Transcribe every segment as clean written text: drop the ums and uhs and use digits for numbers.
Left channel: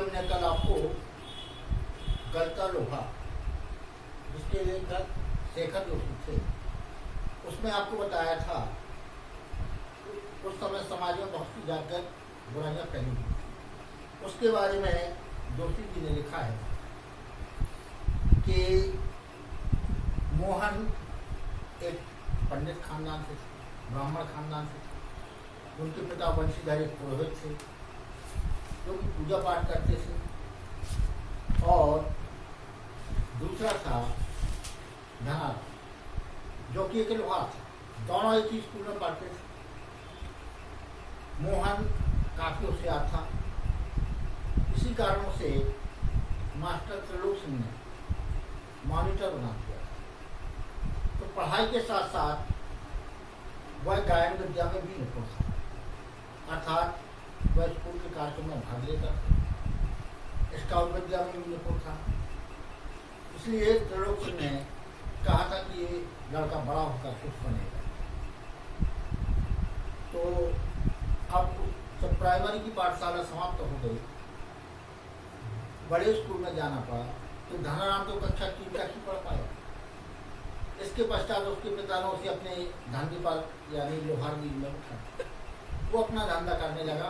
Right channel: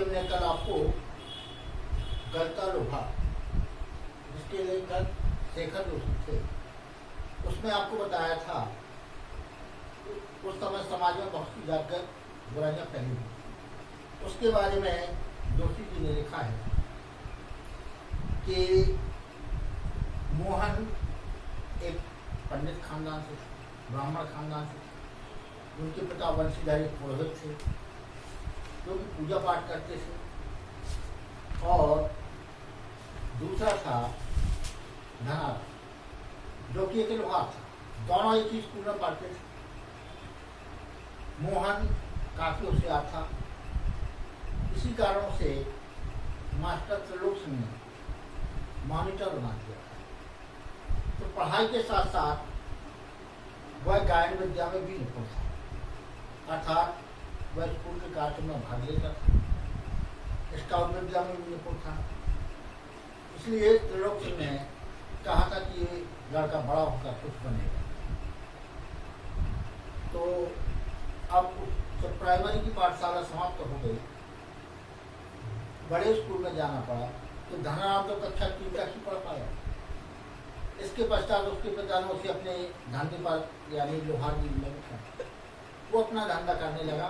अभी हमने कल आपको गलता लोहा जिसके लेखक शेखर जोशी थे, उसमें आपको बताया था उस समय समाज में बहुत सी जातगत बुराइयां फैली हुई। उसके बारे में जोशी जी ने लिखा है कि मोहन एक पंडित खानदान से थे, ब्राह्मण खानदान से थे। उनके पिता वंशीधर एक पुरोहित थे जो कि पूजा पाठ करते थे, और दूसरा था धनार जो कि एक लोहार था। दोनों एक ही स्कूल में पढ़ते थे। मोहन काफी होशियार था। इसी कारणों से मास्टर त्रिलोक सिंह ने मॉनिटर बना दिया था। तो पढ़ाई के साथ साथ वह गायन विद्या में भी निपुण था, अर्थात वह स्कूल के कार्यक्रम में भाग लेता था, स्काउट विद्या में भी निपुण था। इसलिए त्रिलोक सिंह ने कहा था कि ये लड़का बड़ा होकर कुछ बनेगा। तो अब जब प्राइमरी की पाठशाला समाप्त हो गई, बड़े स्कूल में जाना पड़ा, तो धनाराम तो कक्षा 3 तक ही पढ़ पाया। इसके पश्चात उसके पिता ने उसे अपने धंधे पर यानी लोहार गिल में उठा, वो अपना धंधा करने लगा।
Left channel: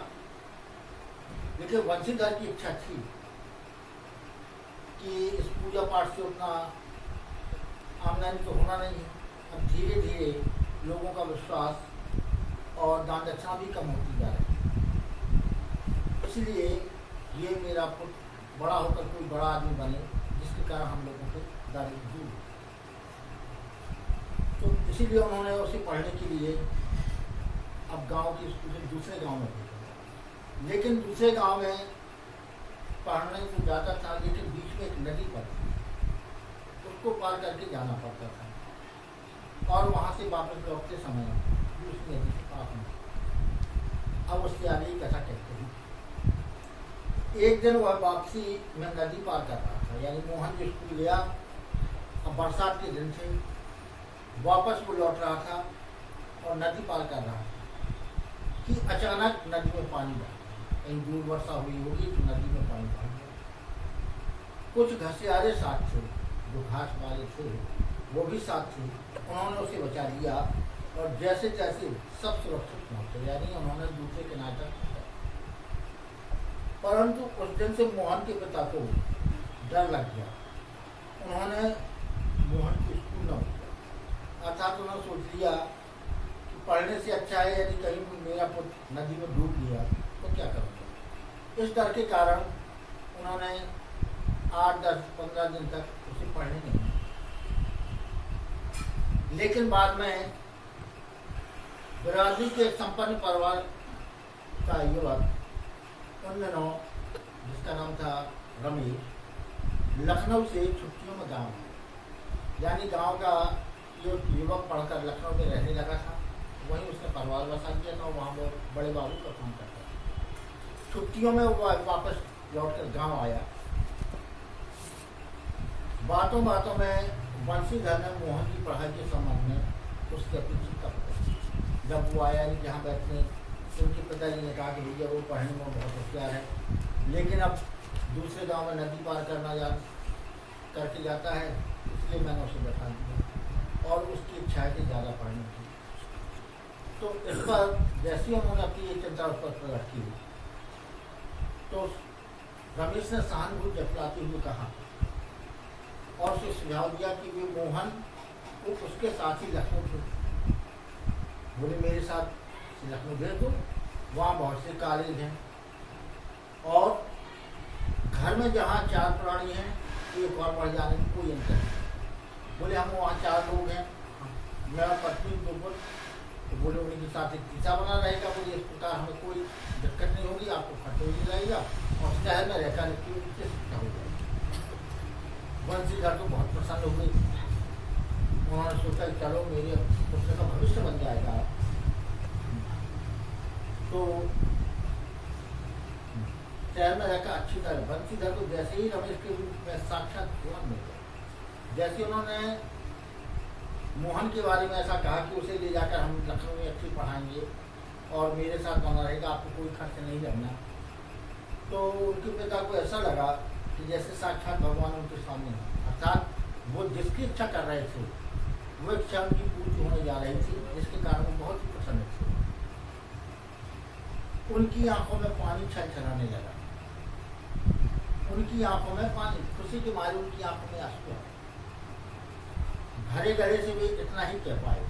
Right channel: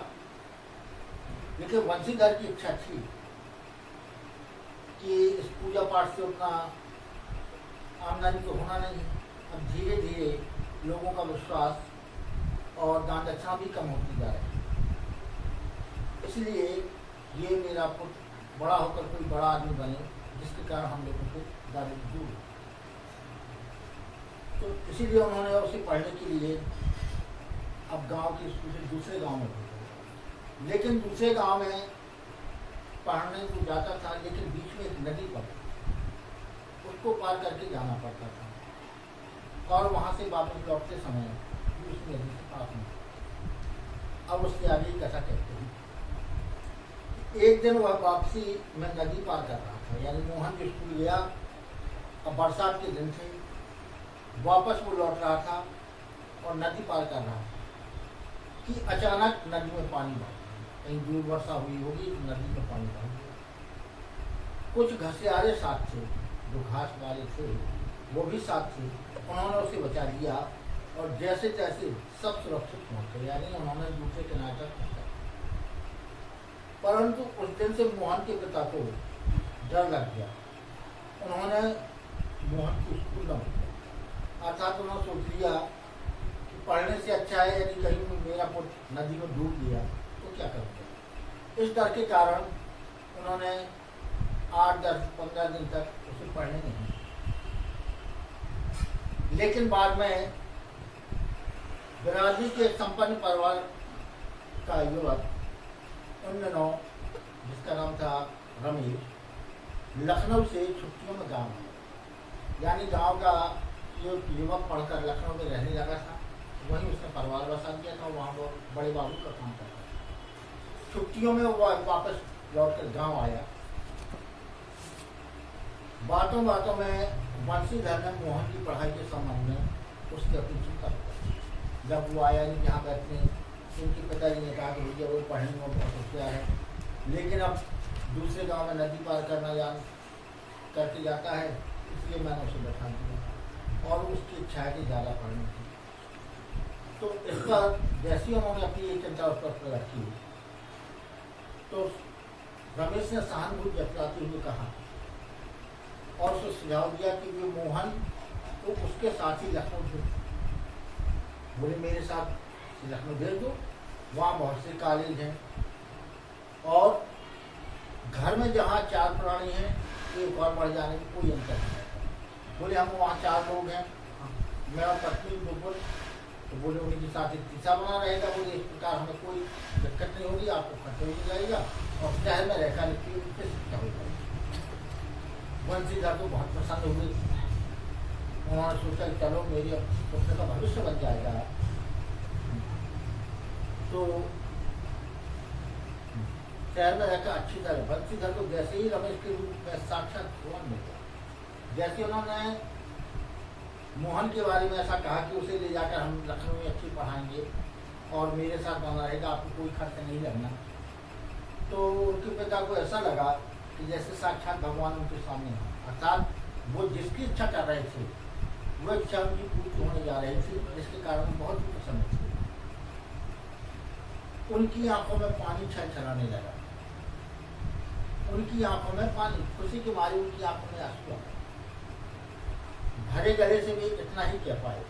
लेकिन वंशीधर की इच्छा थी कि इस पूजा पाठ से उतना आमदनी तो होना नहीं है। अब धीरे धीरे लोगों का विश्वास और दान दक्षिणा भी कम होती जा रही है। इसलिए ये मेरा पुत्र बड़ा होकर कोई बड़ा आदमी बने, जिसके कारण हम लोगों को दारिद्र्य दूर हो। तो इसीलिए उन्होंने उसे पढ़ने के लिए अब गांव के स्कूल से दूसरे गांव में भेजा। लेकिन दूसरे गांव में पढ़ने को जाता था, लेकिन बीच में एक नदी पड़ती, उसको पार करके जाना पड़ता था, और वहां से वापस लौटते समय उस नदी के पास में। अब उससे आगे ही कथा कहते हैं। एक दिन वह वापसी में नदी पार कर रहा था, यानी मोहन जो स्कूल गया, अब बरसात के दिन थे, वापस वो लौट रहा था और नदी पार कर रहा था कि अचानक नदी में पानी बढ़ गया। कहीं दूर वर्षा हुई होगी तो नदी में पानी बढ़ गया। कुछ घसियारे साथ थे, जो घास वाले थे वो भी साथ थे। उन्होंने उसे बचा लिया और जैसे तैसे सब सुरक्षित पहुंचे, यानी उन्होंने दूसरे किनारे तक पहुंचा। परंतु उस दिन से मोहन के पिता को डर लग गया। उन्होंने मोहन को स्कूल न भेजा, अर्थात उन्होंने सोच लिया कि पढ़ने से अच्छा है यदि कहीं मेरा पुत्र नदी में डूब गया तो क्या करूँगा। इस डर के कारण उन्होंने 8, 10, 15 दिन तक उसे पढ़ने नहीं दिया। लेकिन बाद में बिरादरी के संपन्न परिवार का युवक उन दिनों, जिसका नाम था रमेश, लखनऊ से छुट्टियों में गाँव आया। यानी गांव का युवक पढ़कर लखनऊ में रहने लगा था, वहीं उसने परिवार बसा दिया था, वहाँ वो बड़े बाबू का काम करता था। छुट्टियों में वो वापस लौटकर गांव आया। बातों बातों में वंशीधर ने मोहन की पढ़ाई के संबंध में उससे अपनी चिंता बताई। जब वो आया नहीं जहाँ बैठने, उनके पिताजी ने कहा कि भैया वो पढ़ने में बहुत होशियार है, लेकिन अब दूसरे गांव में नदी पार करके जाता है, इसलिए मैंने उसे बैठा दिया, और उसकी इच्छा है कि ज़्यादा पढ़ने की। तो इस पर जैसे उन्होंने अपनी ये चिंता उस पर प्रकट की, तो रमेश ने सहानुभूति जताते हुए कहा और उसे सुझाव दिया कि वे मोहन को उसके साथ ही लखनऊ भेज, बोले मेरे साथ लखनऊ भेज दो, वहाँ बहुत से कॉलेज हैं, और घर में जहाँ 4 प्राणी हैं तो एक और बढ़ जाने की कोई अंतर नहीं। बोले हम वहाँ 4 लोग हैं, मैं और पत्नी 2 पुत्र, तो बोले उन्हीं के साथ एक तीसरा बना रहेगा। बोले इस प्रकार हमें कोई दिक्कत नहीं होगी, आपको खर्च नहीं लगेगा और शहर में रहकर उससे शिक्षा हो जाएगी। वंशीधर तो बहुत प्रसन्न हुए। उन्होंने सोचा कि चलो मेरे पुत्र का भविष्य बन जाएगा। तो शहर में रहकर अच्छी तरह वंशीधर को जैसे ही रमेश के रूप में साक्षात भगवान मिल गया। जैसे उन्होंने मोहन के बारे में ऐसा कहा कि उसे ले जाकर हम लखनऊ में अच्छी पढ़ाएंगे और मेरे साथ बना रहेगा, आपको कोई खर्च नहीं लगना, तो उनके पिता को ऐसा लगा कि जैसे साक्षात भगवान उनके सामने हैं, अर्थात वो जिसकी इच्छा कर रहे थे वो इच्छा उनकी पूर्ति होने जा रही थी, जिसके कारण वो बहुत ही प्रसन्न थे। उनकी आंखों में पानी छलछलाने लगा, उनकी आंखों में पानी, खुशी के मारे उनकी आंखों में आंसू आ गए। भरे गले से वे इतना ही कह पाए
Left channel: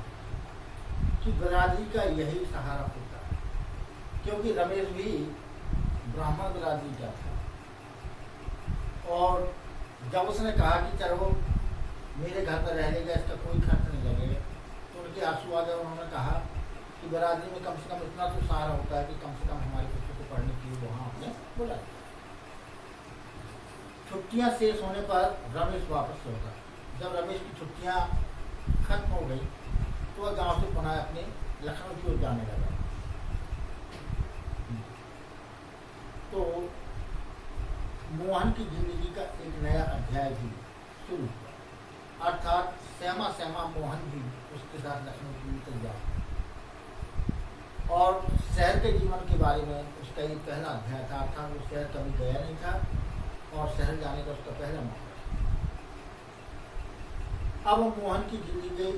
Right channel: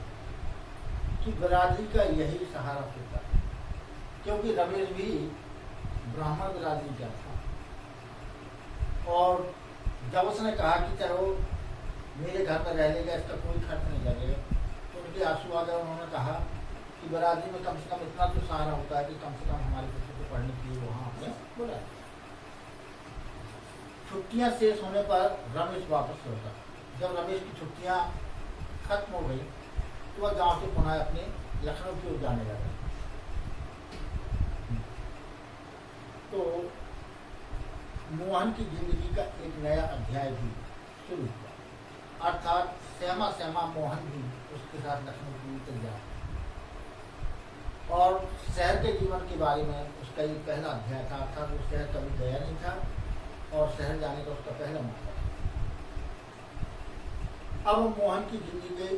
कि बिरादरी का यही सहारा होता है, क्योंकि रमेश भी ब्राह्मण बिरादरी का था। और जब उसने कहा कि चलो मेरे घर में रह लेगा, इसका कोई खर्च नहीं लगेगा, तो उनके आंसू आ गए। उन्होंने कहा कि बिरादरी में कम से कम इतना तो सहारा होता है कि कम से कम हमारे बच्चों को पढ़ने के लिए वहाँ आपने बुला दिया। छुट्टियाँ शेष होने पर रमेश वापस लौटा। जब रमेश की छुट्टियाँ खत्म हो गई तो वह गांव से पुनः अपने लखनऊ की ओर जाने लगा। तो मोहन की जिंदगी का एक नया अध्याय भी शुरू हुआ, अर्थात श्यामा श्यामा मोहन भी उसके साथ लखनऊ की ओर तैयार। और शहर के जीवन के बारे में उसका ये पहला अध्याय था, अर्थात वो शहर कभी गया नहीं था और शहर जाने का उसका पहला मौका था। अब मोहन की जिंदगी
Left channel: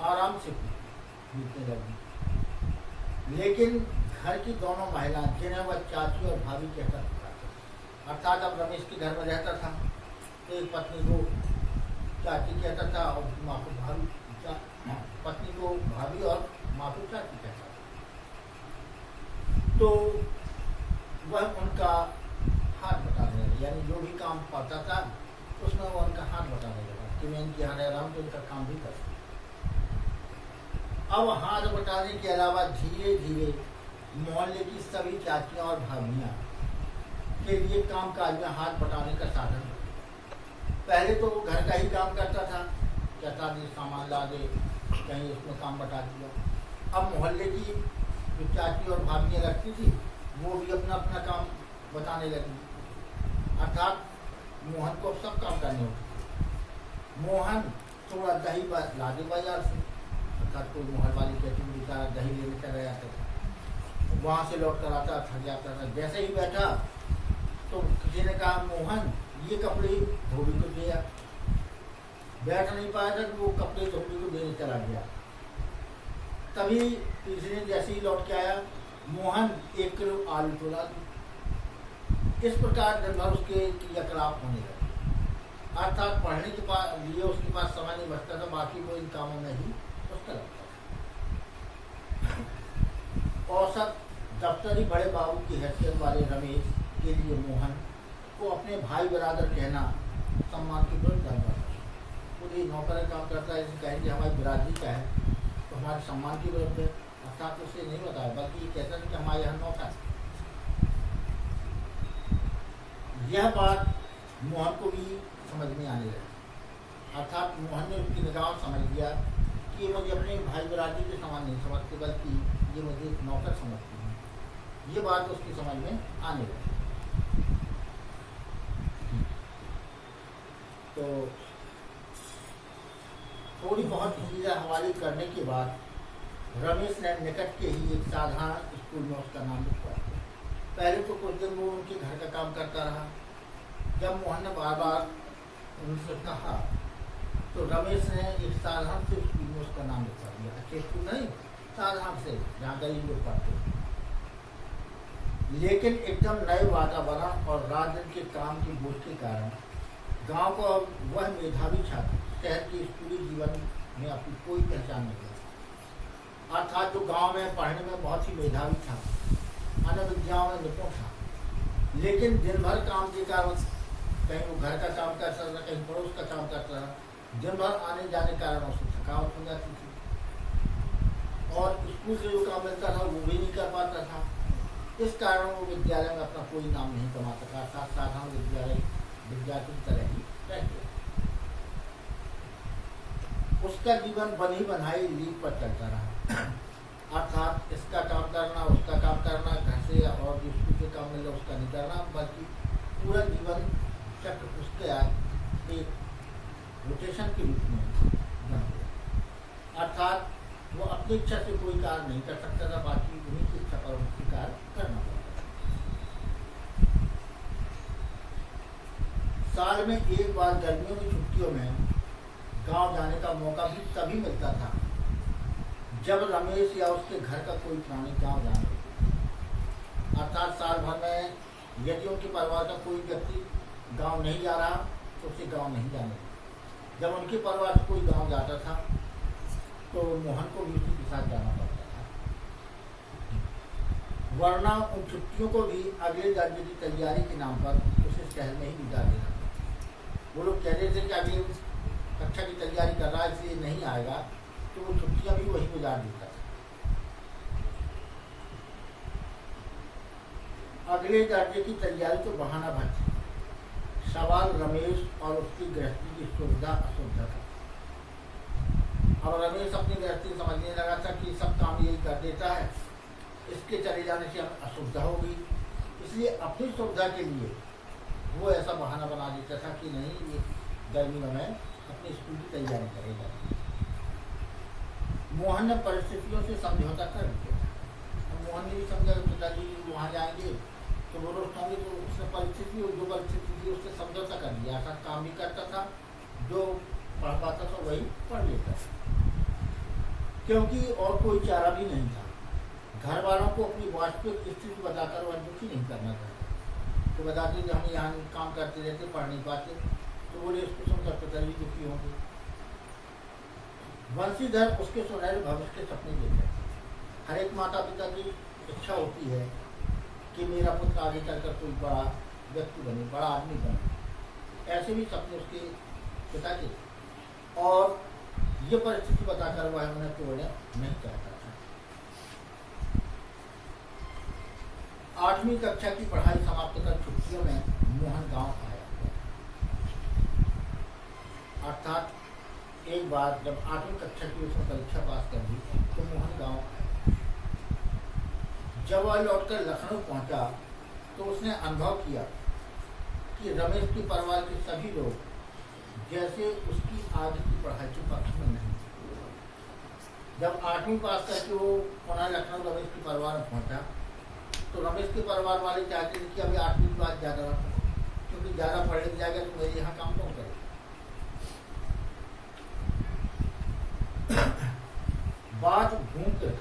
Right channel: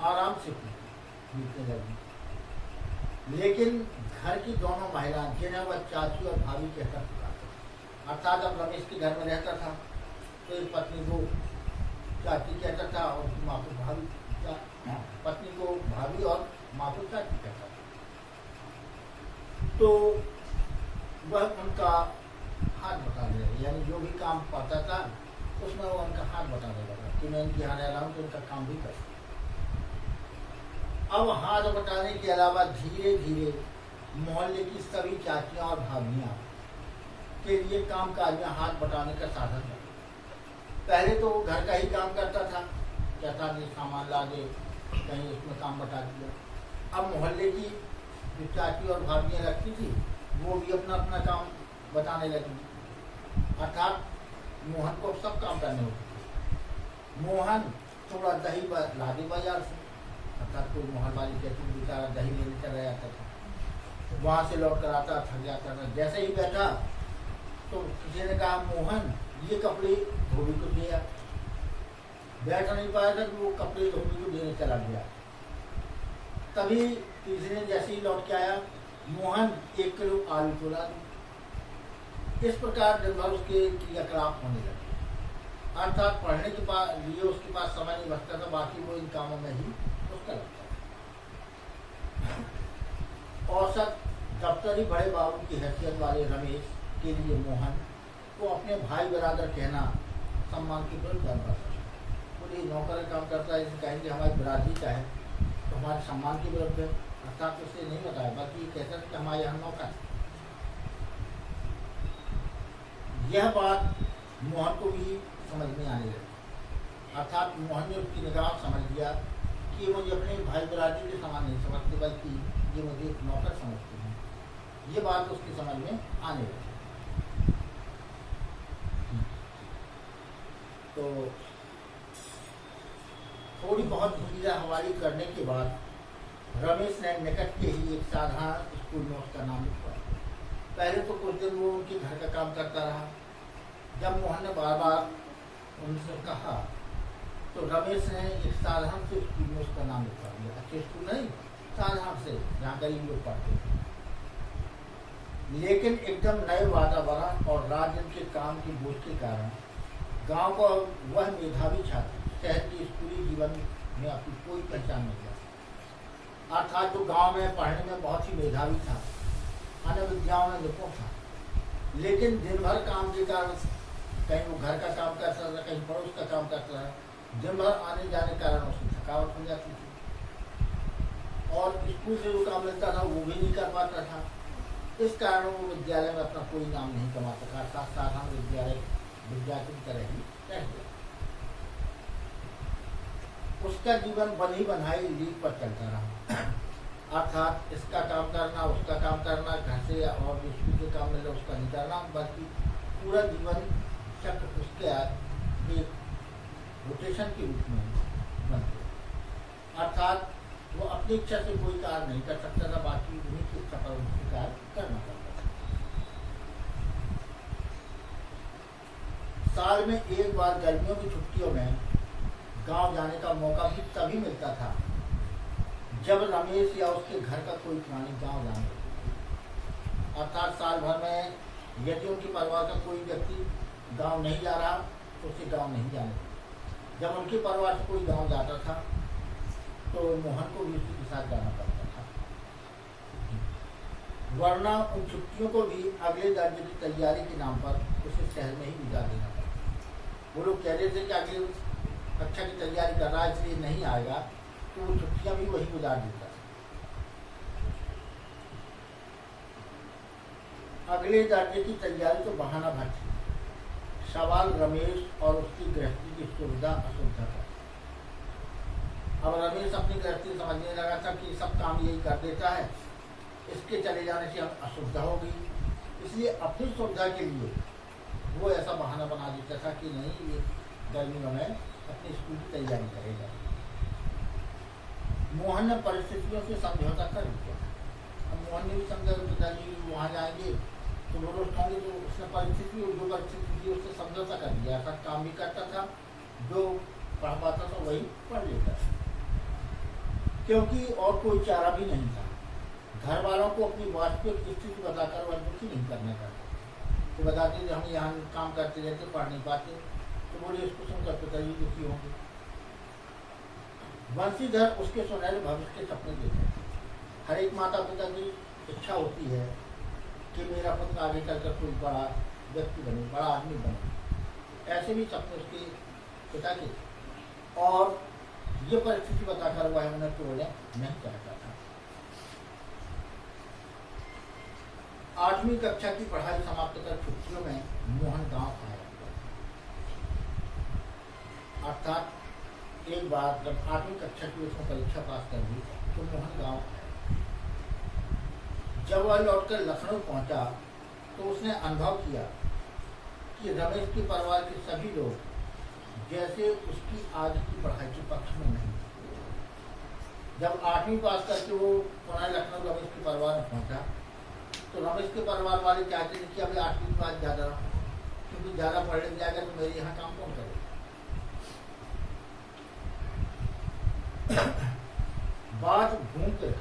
आराम से बीतने लगी, लेकिन घर की दोनों महिलाएं, जिन्हें वह चाची और भाभी कहकर पुकारता, अर्थात अब रमेश के घर में रहता था तो एक पत्नी को चाची कहता था और माँ को भाभी, पत्नी को भाभी और माँ को चाची कहता था। तो वह उनका हाथ बटाने लगे, यानी जो भी काम पाता था उसमें वो उनका हाथ बटाने लगा कि मैं इनके यहाँ रह रहा हूँ तो इनका काम भी कर सकता। अब हाथ बटाने के अलावा धीरे धीरे मोहल्ले की सभी चाचियाँ और भाभियाँ के लिए काम काज में हाथ बटाने का साधन था। पहले तो घर का ही काम करता था, कहता नहीं सामान ला दे, कहीं उसमें काम बटा दिया। अब मोहल्ले की जो चाची और भाभियाँ लगती थी वो भी अपना अपना काम बताने लगी, अर्थात मोहन को सब काम करने होते थे। मोहन थोड़ा दही ला दे बाजार से, अर्थात कोई मोहन वाली कहती बेचारा दही लेने चला जाता था, वहाँ से लौट कर आता, थक जाता था। जैसे ही बैठा तो किसी ने कहा मोहन ये कपड़े धोबी को दिया, बैठ नहीं पाया था कि वो कपड़े धोबी को देने चला गया। तभी तीसरे दिन जैसे ही लौट के आया, मोहन 1 किलो आलू तोला दी। इस प्रकार दिन भर उसके क्रियाकलाप होने लगे, अर्थात पढ़ने के लिए उसके पास समय नहीं बचता था, बाकी वो इन कामों में ही उसका लगता था। औसत दफ्तरी बड़े बाबू की हैसियत वाले रमेश के लिए मोहन को अपने भाई बरादर कहना सम्मान की विरुद्ध था। पूरी नौकर काम करता है, इसे कहेंगे हमारी बिरादरी का है तो हमारे सम्मान की विरुद्ध है, अर्थात उसे नहीं बताया, बल्कि ये कहता था कि हमारे यहाँ नौकर। यह बात मोहन को भी समझ में आने लगी, अर्थात मोहन ने उसकी निगाह समझ लिया कि ये मुझे अपने भाई बरादरी के समान नहीं समझते, बल्कि ये मुझे एक नौकर समझते हैं। ये बात उसकी समझ में आने लगी। तो थोड़ी बहुत हीरा हवाली करने के बाद रमेश ने निकट के ही एक साधारण स्कूल में उसका नाम लिखवाया। पहले तो कुछ दिन वो उनके घर का काम करता रहा। जब मोहन ने बार बार उनसे कहा तो रमेश ने एक साधारण से स्कूल में उसका नाम लिखवा दिया। अच्छे स्कूल नहीं, साधारण से, जहाँ गरीब लोग पढ़ते हैं। लेकिन एकदम नए वातावरण और रात दिन के काम के बोझ के कारण गांव का वह मेधावी छात्र शहर के स्कूली जीवन में अपनी कोई पहचान नहीं हुआ। अर्थात जो गांव में पढ़ने में बहुत ही मेधावी था, अन्य विद्याओं में निपुण था, लेकिन दिन भर काम के कारण कहीं वो घर का काम करता था, कहीं पड़ोस का काम करता था, दिन भर आने जाने के कारण उसकी थकावट हो जाती थी और स्कूल से जो काम मिलता था वो भी नहीं कर पाता था। इस कारण वो विद्यालय में अपना कोई नाम नहीं कमा सका, साधारण विद्यालय विद्यार्थी की तरह ही रह गया। उसका जीवन बनी बनाई लीक पर चलता रहा, अर्थात इसका काम करना, उसका काम करना, घर से और जो स्कूल से काम मिले उसका नहीं करना, बल्कि पूरा जीवन चक्र उसके एक रोटेशन के रूप में बन गया। अर्थात वो अपनी इच्छा से कोई कार्य नहीं कर सकता था, बाकी उन्हीं की इच्छा पर उनकी कार्य करना पड़ता था। साल में एक बार गर्मियों की छुट्टियों में गांव जाने का मौका भी तभी मिलता था जब रमेश या उसके घर का कोई प्राणी गांव जाने, अर्थात साल भर में यदि उनके परिवार का कोई व्यक्ति गांव नहीं जा रहा तो उसे गांव नहीं जाने। जब उनके परिवार से कोई गांव जाता था तो मोहन को भी उसी के साथ जाना पड़ता था, वरना उन छुट्टियों को भी अगले दर्जे की तैयारी के नाम पर उसे शहर में ही गुजार देना पड़ता। वो लोग कह रहे थे कि अगली कक्षा की तैयारी कर रहा है इसलिए नहीं आएगा, तो वो छुट्टियां भी वही गुजार देता था। अगले दर्जे की तैयारी तो बहाना भर थी, सवाल रमेश और उसकी गृहस्थी की सुविधा असुविधा का। अब रमेश अपनी गृहस्थी समझने लगा था कि सब काम यही कर देता है, इसके चले जाने से हम असुविधा होगी, इसलिए अपनी सुविधा के लिए वो ऐसा बहाना बना देता था कि नहीं, ये गर्मियों में अपने स्कूल की तैयारी करेगा। मोहन ने परिस्थितियों से समझौता कर लिया था। अब मोहन ने भी समझा कि पिताजी वहाँ जाएंगे तो वो रोज खाएंगे, तो उसने परिस्थिति जो परिस्थिति थी उससे समझौता कर लिया। ऐसा काम भी करता था, जो पढ़ पाता था वही पढ़ लेता था, क्योंकि और कोई चारा भी नहीं था। घर वालों को अपनी वास्तविक स्थिति बताकर वह दुखी नहीं करना चाहते, तो बताते थे हम यहाँ काम करते रहते, पढ़ नहीं पाते, तो बोले इसको सुनकर पिताजी दुखी होंगे। वंशीधर उसके सुनहरे भविष्य के सपने देखे। हर एक माता पिता की इच्छा होती है कि मेरा पुत्र आगे चलकर कोई बड़ा व्यक्ति बने, बड़ा आदमी बने। ऐसे भी सपने उसके पिता के, और ये परिस्थिति बताकर वह उन्हें तोड़ने नहीं चाहता था। 8वीं कक्षा की पढ़ाई समाप्त कर छुट्टियों में मोहन गांव आया। अर्थात एक बार जब 8वीं कक्षा की उसने परीक्षा पास कर ली तो मोहन गांव आया। जब वह लौटकर लखनऊ पहुंचा तो उसने अनुभव किया कि रमेश के परिवार के सभी लोग जैसे उसकी आज की पढ़ाई के पक्ष में नहीं। जब 8वीं पास करके वो पुनः लखनऊ रमेश के परिवार में पहुंचा तो रमेश के परिवार वाले चाहते थे कि अभी 8वीं के बाद ज़्यादा रहो, क्योंकि ज़्यादा पढ़ लिख जाएगा तो मेरे यहाँ काम कौन करे। बात घूम कर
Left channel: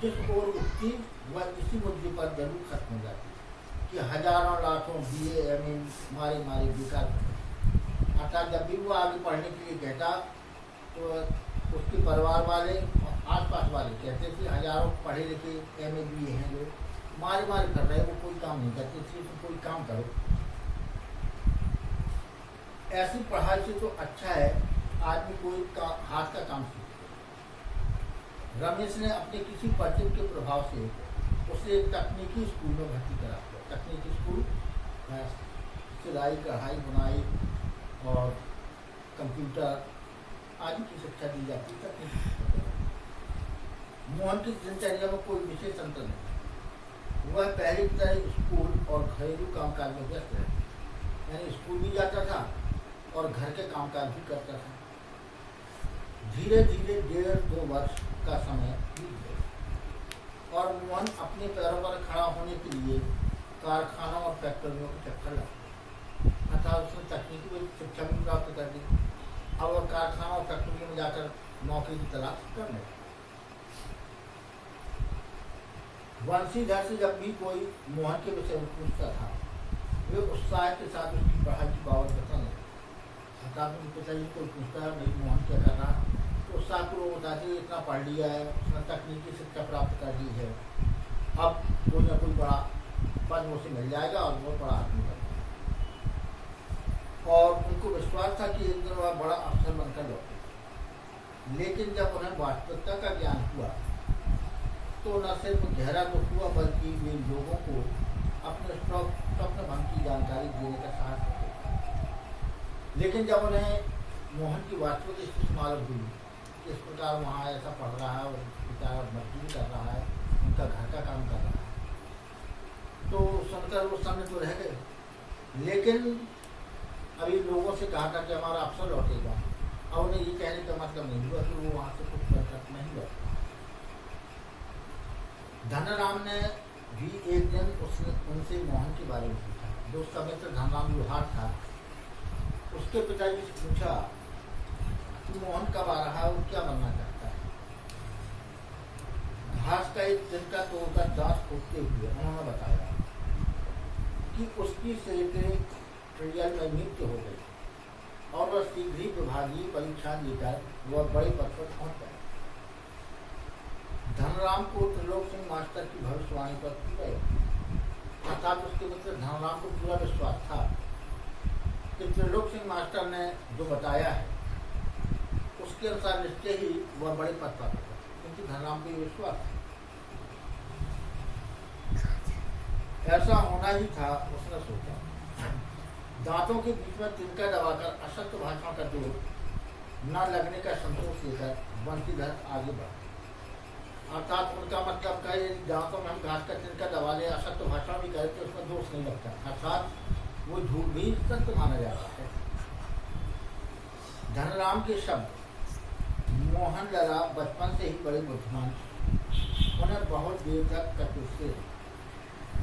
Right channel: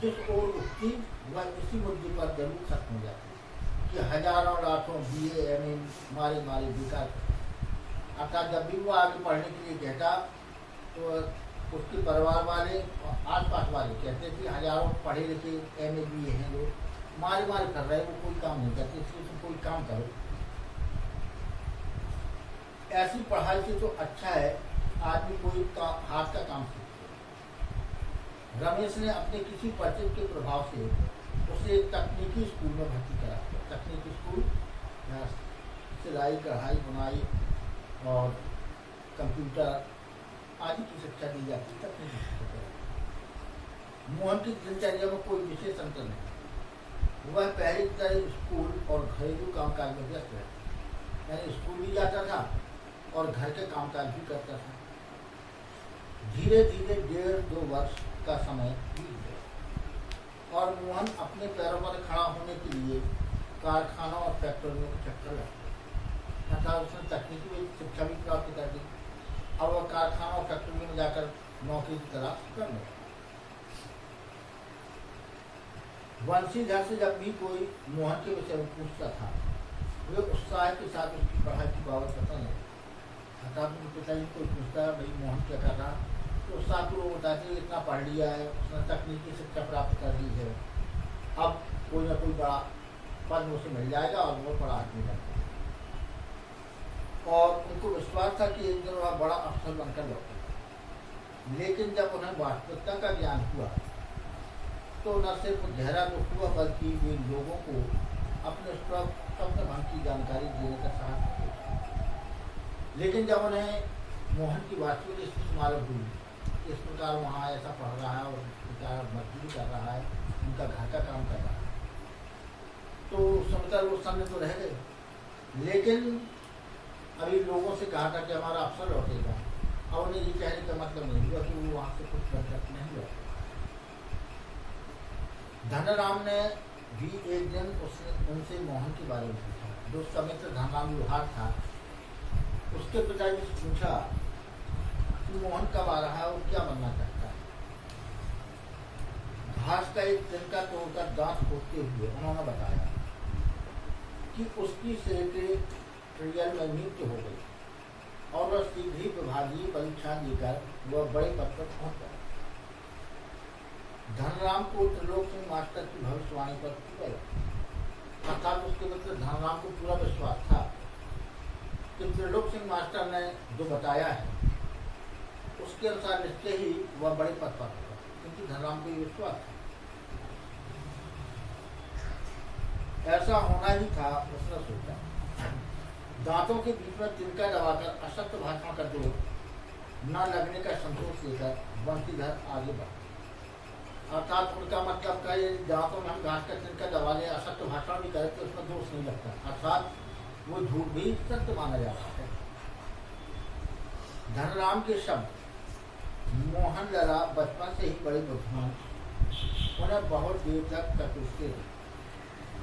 जिस ओर उठती वह इसी मुद्दे पर जरूर खत्म हो जाती कि हजारों लाखों BA MA मारी मारी बेकार। अर्थात जब भी वो आगे पढ़ने के लिए कहता तो उसके परिवार वाले आसपास वाले कहते थे हजारों पढ़े लिखे MA BA हैं जो मारे मारे कर रहे हैं, वो कोई काम नहीं करते, इसलिए तुम कोई काम करो। ऐसी पढ़ाई से तो अच्छा है आदमी कोई हाथ का काम सीखे। रमेश ने अपने किसी परिचित के प्रभाव से उसे तकनीकी स्कूल में भर्ती करा। तकनीकी स्कूल सिलाई कढ़ाई बुनाई और कंप्यूटर आदि की शिक्षा दी जाती है। तकनीकी मोहन की दिनचर्या में कोई विशेष अंतर नहीं। वह पहली तरह स्कूल और घरेलू कामकाज में व्यस्त रहता, यानी स्कूल भी जाता था और घर के कामकाज भी करता था। धीरे धीरे 1.5-2 वर्ष का समय बीत गया और मोहन अपने पैरों पर खड़ा होने के लिए कारखानों और फैक्ट्रियों के चक्कर लगा। अर्थात उसने तकनीकी में शिक्षा भी प्राप्त कर दी। अब वह कारखानों और फैक्ट्रियों में जाकर नौकरी की तलाश कर रहे। वंशीधर से जब भी कोई मोहन के विषय में पूछता था वे उत्साह के साथ उसकी पढ़ाई की बाबत बताने लगे। अर्थात उनके पिताजी कोई पूछता है भाई मोहन क्या कर रहा, तो उत्साहपूर्वक बताते इतना पढ़ लिया है, उसने तकनीकी शिक्षा प्राप्त कर ली है, अब कोई ना कोई बड़ा पद उसे मिल जाएगा और वो बड़ा आदमी बन जाएगा। और उनको विश्वास था कि एक दिन वह बड़ा अफसर बनकर लौटेगा। लेकिन जब उन्हें वास्तविकता का ज्ञान हुआ तो न सिर्फ गहरा दुख हुआ बल्कि वे लोगों को अपने स्वप्न भंग की जानकारी देने का साहस किया। लेकिन जब उन्हें मोहन की वास्तविक स्थिति मालूम हुई, इस प्रकार वहाँ ऐसा पढ़ रहा है और बेचारा मजदूरी कर रहा है, उनका घर का काम कर रहा है, तो सुनकर वो समय तो रह गए। लेकिन अभी लोगों से कहा था कि हमारा अफसर लौटेगा, अब उन्हें ये कहने का मतलब नहीं हुआ कि वो वहाँ से कुछ बरकत नहीं लौटेगा। धनराम ने भी एक दिन उनसे मोहन के बारे में पूछा जो उसका मित्र धनराम लोहार था, उसके पिताजी से पूछा कि मोहन कब आ रहा है और क्या बनना चाहता है। घास का एक तिनका तोड़कर दांत फूटते हुए उन्होंने बताया कि उसकी सेक्रेटरियल में नियुक्त हो गई और वह शीघ्र ही विभागीय परीक्षा देकर वह बड़े पद पर पहुंच गया। धनराम को त्रिलोक सिंह मास्टर की भविष्यवाणी पर की गई, अर्थात उसके मित्र धनराम को पूरा विश्वास था कि त्रिलोक सिंह मास्टर ने जो बताया है उसके अनुसार निश्चय ही वह बड़े पद पर होगा, क्योंकि धनराम को ये विश्वास था। ऐसा होना ही था, उसने सोचा। दांतों के बीच में तिनका दबाकर असत्य भाषण का जोर न लगने का संतोष लेकर बंशीधर आगे बढ़ा। अर्थात उनका मतलब का ये दांतों में हम घास का तिनका दबा ले, असत्य भाषण भी करे तो उसमें दोष नहीं लगता, अर्थात वो झूठ भी सत्य माना जाता है। धनराम के शब्द मोहन लला बचपन से ही बड़े बुद्धिमान, उन्हें बहुत देर तक कटुसते थे।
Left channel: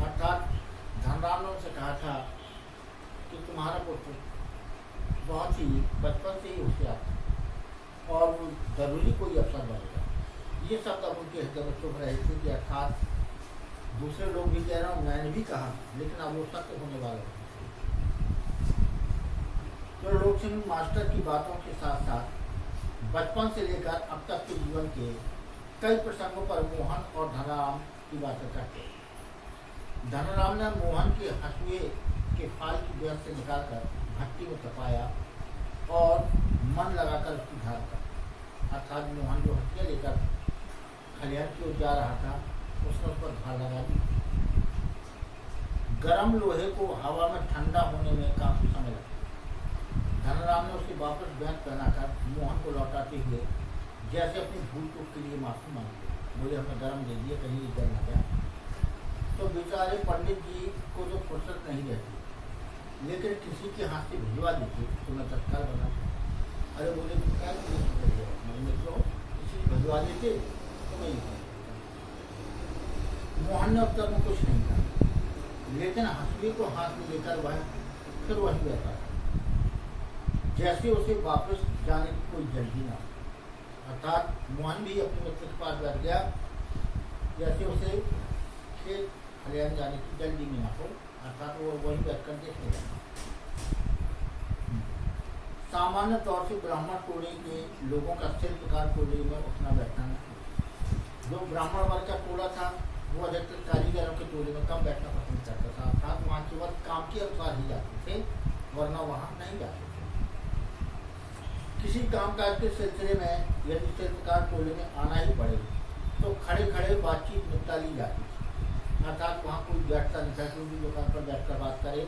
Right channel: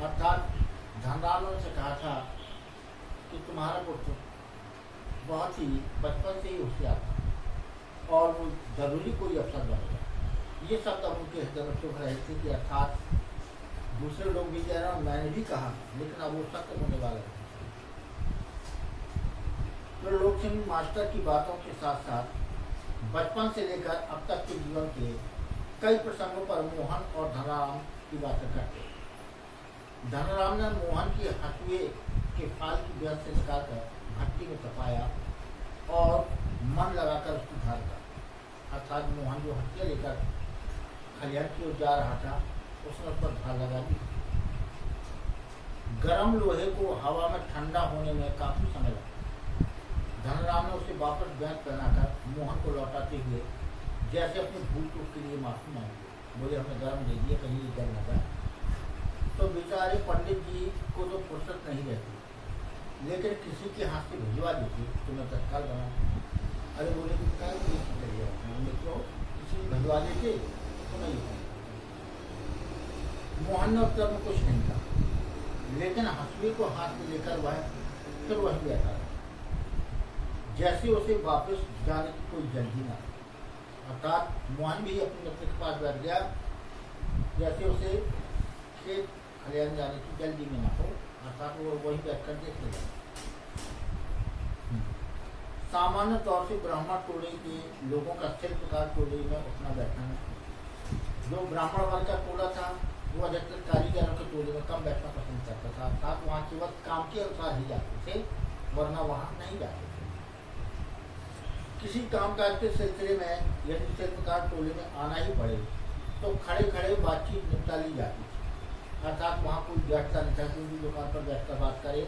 अर्थात धनराम ने उनसे कहा था कि तुम्हारा पुत्र बहुत ही बचपन से ही होशियार था और वो जरूरी कोई अवसर बनेगा। ये शब्द अब उनके हृदय में चुभ रहे थे कि अर्थात दूसरे लोग भी कह रहे हैं, मैंने भी कहा, लेकिन अब वो सत्य होने वाला है। तो लोक सिंह मास्टर की बातों के साथ साथ बचपन से लेकर अब तक के जीवन के कई प्रसंगों पर मोहन और धनराम की बातें करते। धनराम ने मोहन के हसुए के फाल की बेहद से निकालकर भट्टी में तपाया और मन लगाकर उसकी धार कर, अर्थात मोहन जो हथिया लेकर खलिहान की ओर जा रहा था उसने उस पर धार लगा दी। गर्म लोहे को हवा में ठंडा होने में काफी समय लगा। धनराम ने उसे वापस बैंक पहनाकर मोहन को लौटाते हुए जैसे अपनी भूल चूक के लिए माफी मांगी, बोले हमने गर्म दे दिया, कहीं जल न जाए। तो बेचारे पंडित जी को तो फुर्सत नहीं रहती, लेकिन किसी के हाथ से भिजवा देती तो मैं तत्काल बना। अरे बोले तुम क्या मित्रों, किसी को भिजवा देते तो मैं ये। मोहन ने उत्तर में कुछ नहीं कहा, लेकिन हंसुए को हाथ में लेकर वह फिर वहीं बैठा रहा, जैसे उसे वापस जाने की कोई जल्दी ना। अर्थात मोहन भी अपने मित्र के पास बैठ गया, जैसे उसे खेत खलिहान जाने की जल्दी में ना हो, अर्थात वो वहीं बैठकर देखने लगा। सामान्य तौर से ब्राह्मण टोले के लोगों का शिल्पकार टोले में उठना बैठना नहीं। जो ब्राह्मण वर्ग का टोला था वो अधिकतर कारीगरों के टोले में कम बैठना पसंद करता था, अर्थात वहाँ केवल काम के अनुसार ही जाते थे, वरना वहाँ नहीं जाते थे। किसी कामकाज के सिलसिले में यदि शिल्पकार टोले में आना ही पड़े तो खड़े खड़े बातचीत निपटा ली जाती थी, अर्थात वहाँ कोई बैठता नहीं था, कोई भी दुकान पर बैठकर बात करे,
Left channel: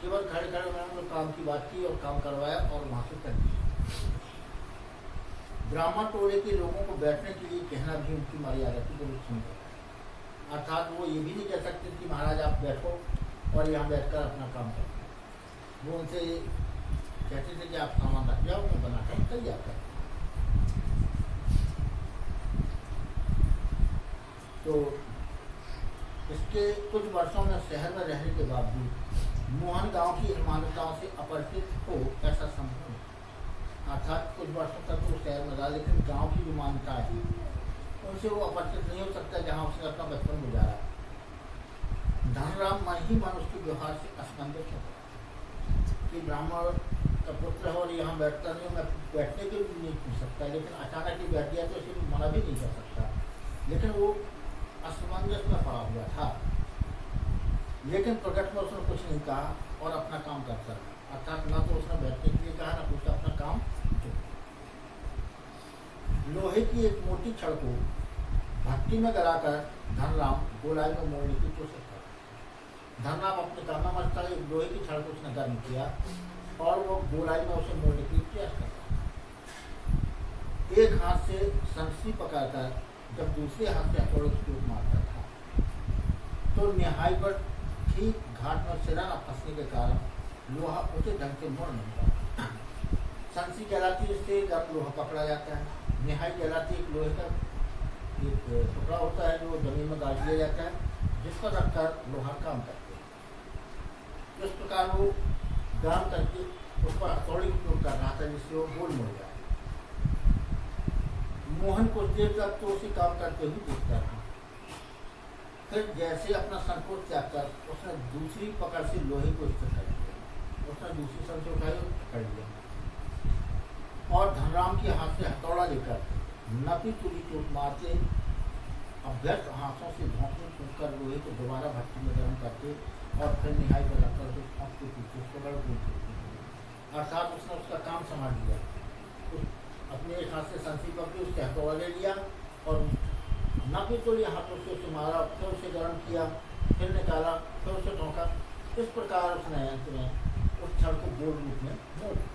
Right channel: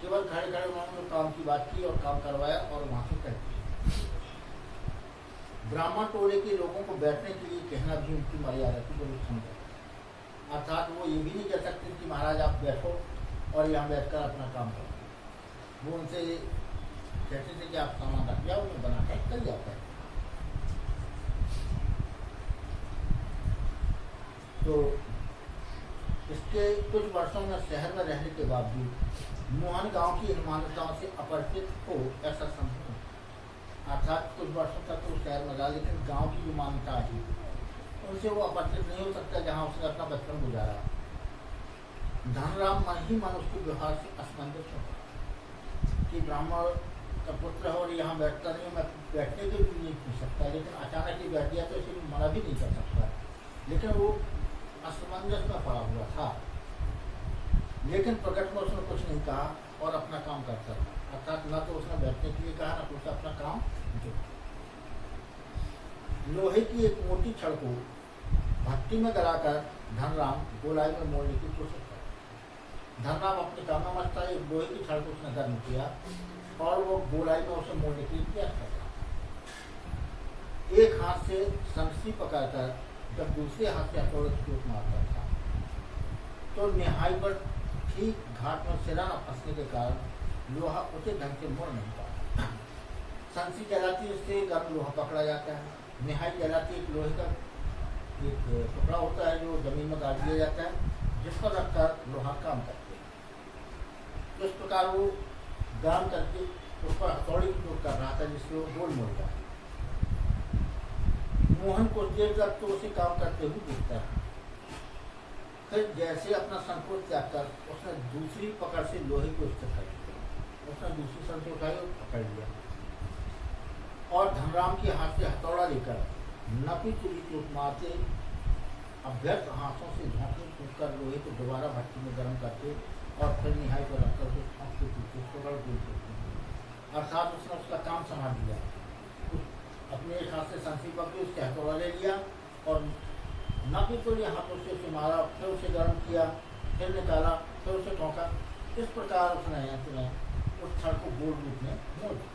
केवल खड़े खड़े उन्होंने काम की बात की और काम करवाया और वहाँ से कर दिया। ब्राह्मण टोले के लोगों को बैठने के लिए कहना भी उनकी मर्यादा की जरूरत समझा, अर्थात वो ये भी नहीं कह सकते कि महाराज आप बैठो और यहाँ बैठकर अपना काम करो। वो उनसे कहते थे कि आप सामान रख जाओ, मैं बनाकर तैयार कर। तो इसके कुछ वर्षों में शहर में रहने के बावजूद मोहन गांव की इन मान्यताओं से अपरिचित हो ऐसा संभव नहीं। अर्थात कुछ वर्षों तक तो शहर में रहा, लेकिन गांव की जो मान्यता है उनसे वो अपरिचित नहीं हो सकता जहां उसने अपना बचपन गुजारा। धनराम मन ही मन उसके व्यवहार से असमंजस होता कि ब्राह्मण का पुत्र है और यहाँ बैठता नहीं, मैं बैठने के भी नहीं पूछ सकता, लेकिन अचानक ही बैठ गया तो इसे मना भी नहीं कर सकता। लेकिन वो असमंजस में पड़ा हुआ था, लेकिन प्रकट में उसने कुछ नहीं कहा और अपना काम करता था, अर्थात न तो उसने बैठने के लिए कहा न कुछ अपना काम जो। लोहे की एक मोटी छड़ को भट्टी में गलाकर धनराम गोलाई में मोड़ने की कोशिश कर। धनराम अपने काम में मस्त था, एक लोहे की छड़ को उसने गर्म किया और वो गोलाई में उसे मोड़ने की प्रयास करता। एक हाथ से संसी पकड़कर जब दूसरे हाथ से हथौड़े की चोट मारता था तो निहाई पर ठीक घाट में सिरा न फंसने के कारण लोहा उचित ढंग से मुड़ नहीं पाता। संसी जलाती इससे गर्म लोहा पकड़ा जाता है, निहाई जलाती एक लोहे का एक टुकड़ा होता है जो जमीन में गाड़ दिया जाता है, जिस पर रखकर लोहा काम करते हैं। तो इस प्रकार वो गर्म करके उस पर हथौड़ी की उपयोग कर रहा था, जिससे वो गोल मोड़ गया। मोहन कुछ देर तक तो उसे काम करते हुए देखता रहा। फिर जैसे अपना संकोच त्याग कर उसने दूसरी पकड़ से लोहे को स्थिर कर दिया। उसने दूसरी संत उठाई और पकड़ लिया और धनराम के हाथ से हथौड़ा लेकर नपी तुली चोट मारते अभ्यर्थ हाथों से झोंकने फूंक कर लोहे को दोबारा भट्टी में गर्म करते और फिर निहाई पर रखकर उसे ठोंकते पीछे पकड़ देते। अर्थात उसने उसका काम संभाल लिया। अपने एक हाथ से संसी पकड़ी, उसके हथौड़ा ले लिया और नपी तुली हाथों से उसे मारा, फिर उसे गर्म किया, फिर निकाला, फिर उसे ठोंका। इस प्रकार उसने उस क्षण को गोल रूप में मोड़ दिया।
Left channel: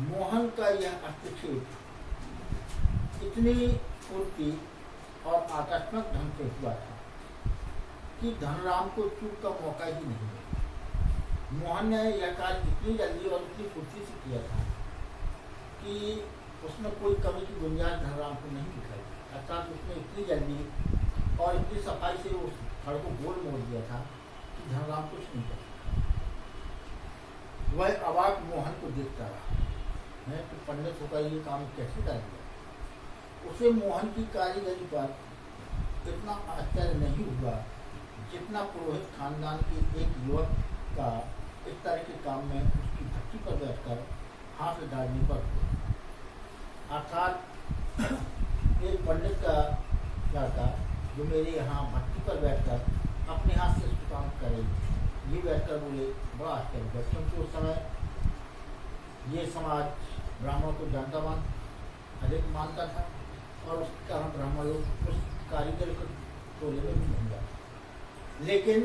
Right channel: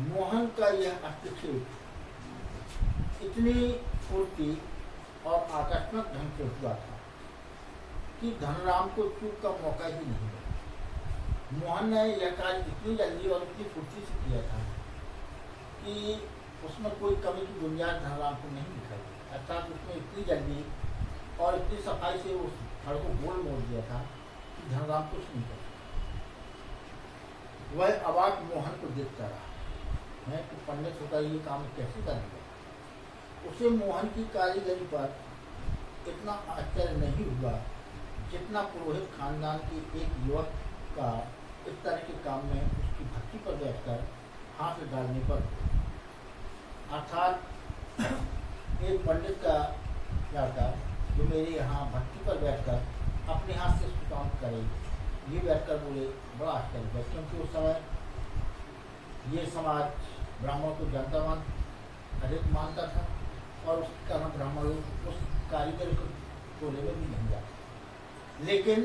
मोहन का यह हस्तक्षेप इतनी फुर्ती और आकस्मिक ढंग से हुआ था कि धनराम को चूक का मौका ही नहीं मिला। मोहन ने यह कार्य इतनी जल्दी और इतनी फुर्ती से किया था कि उसमें कोई कमी की गुंजाइश धनराम को नहीं दिखाई। अर्थात उसने इतनी जल्दी और इतनी सफाई से उस फड़ को गोल मोड़ दिया था कि धनराम कुछ नहीं कर सका। वह अवाक मोहन को देखता रहा है कि पंडित होकर ये काम कैसे करेंगे। उसे मोहन की कारीगरी पर इतना आश्चर्य नहीं हुआ जितना पुरोहित खानदान के एक युवक का इस तरह के काम में उसकी भट्टी पर बैठकर हाथ डालने पर हुआ। अर्थात एक पंडित का लड़का जो मेरे यहाँ भट्टी पर बैठकर अपने हाथ से उसको काम करे, ये बैठकर बोले, बड़ा आश्चर्य हुआ। क्योंकि उस समय ये समाज ब्राह्मणों को जनता अधिक मानता था और उसके कारण ब्राह्मण लोग उस कारीगर को टोले में भी नहीं जाते। लेकिन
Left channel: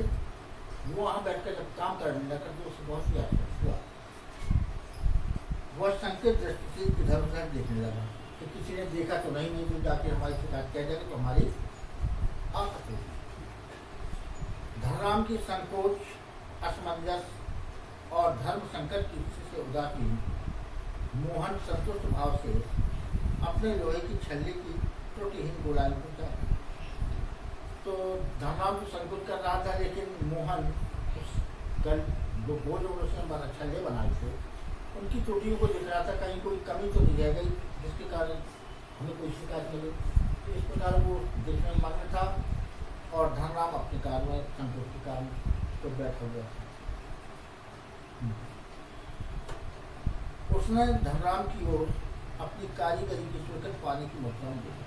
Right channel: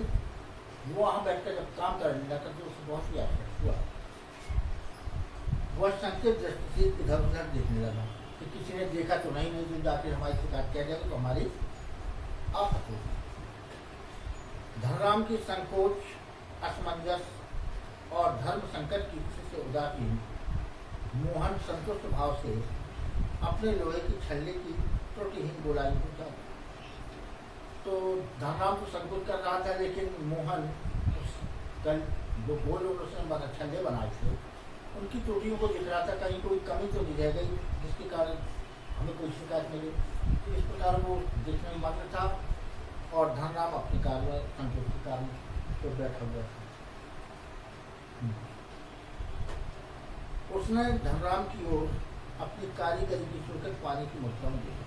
वो वहाँ बैठकर जब काम करने लगा तो उसे बहुत ही आश्चर्य हुआ। वह संकेत दृष्टि से इधर उधर देखने लगा कि किसी ने देखा तो नहीं जो जाकर हमारी शिकायत किया जाएगा तो हमारी आफत होगी। धनराम की संकोच, असमंजस और धर्म संकट की स्थिति से उदासीन मोहन संतुष्ट भाव से अपने लोहे की छल्ले की त्रुटिहीन गोलाई को चाहा। तो धनराम तो संकोच कर रहा था, लेकिन मोहन उस कल जो गोल उसने छल्ले बनाए थे उनकी त्रुटियों को दिख रहा था, कहीं कोई कमी तो नहीं रह गई जिसके कारण हमें कोई शिकायत मिले। तो इस प्रकार वो देखने में मग्न था और धनराम अपने कार्य में संकोच के कारण तो बैठा हुआ था। उसने धनराम की ओर अपनी कारीगरी की सुरक्षित पानी की मुद्रा में देखा।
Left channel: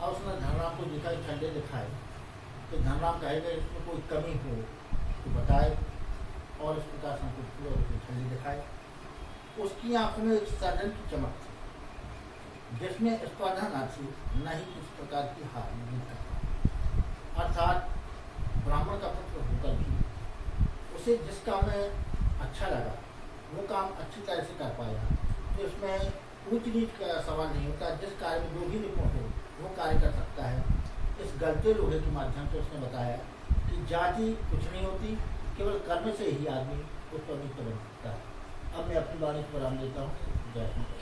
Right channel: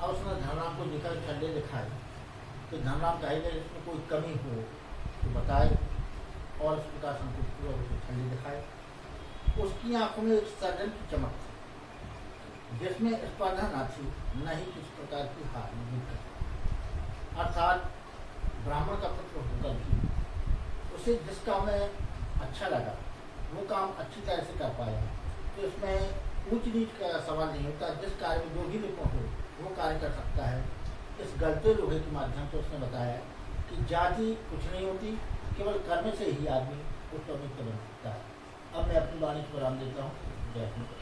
अब उसने धनराम को देखा, छल्ले दिखाए तो धनराम कहेगा इसमें कोई कमी हो तो बताए, और इस प्रकार संकोच किया और उसे छल्ले दिखाए। उसकी आंखों में एक सर्जन की चमक थी जिसमें स्पर्धा न थी, न ही किसी प्रकार की हार नहीं। अर्थात ब्राह्मण का पुत्र होकर भी उसे जिस काम में अच्छा लगा वो काम अच्छी तरह से कर पाया। तो इसमें ऊंच नीच का सवाल नहीं होता। जिस कार्य में जो भी निपुण हो वो कार्य कर सकता है। इस गलते लोहे के माध्यम से उसने बताया कि जाति कुछ नहीं होती, केवल कर्म से ही आदमी कुछ तो नहीं बन सकता है। अब मैं अपनी वाणी को विराम देता हूँ। जय हिंद।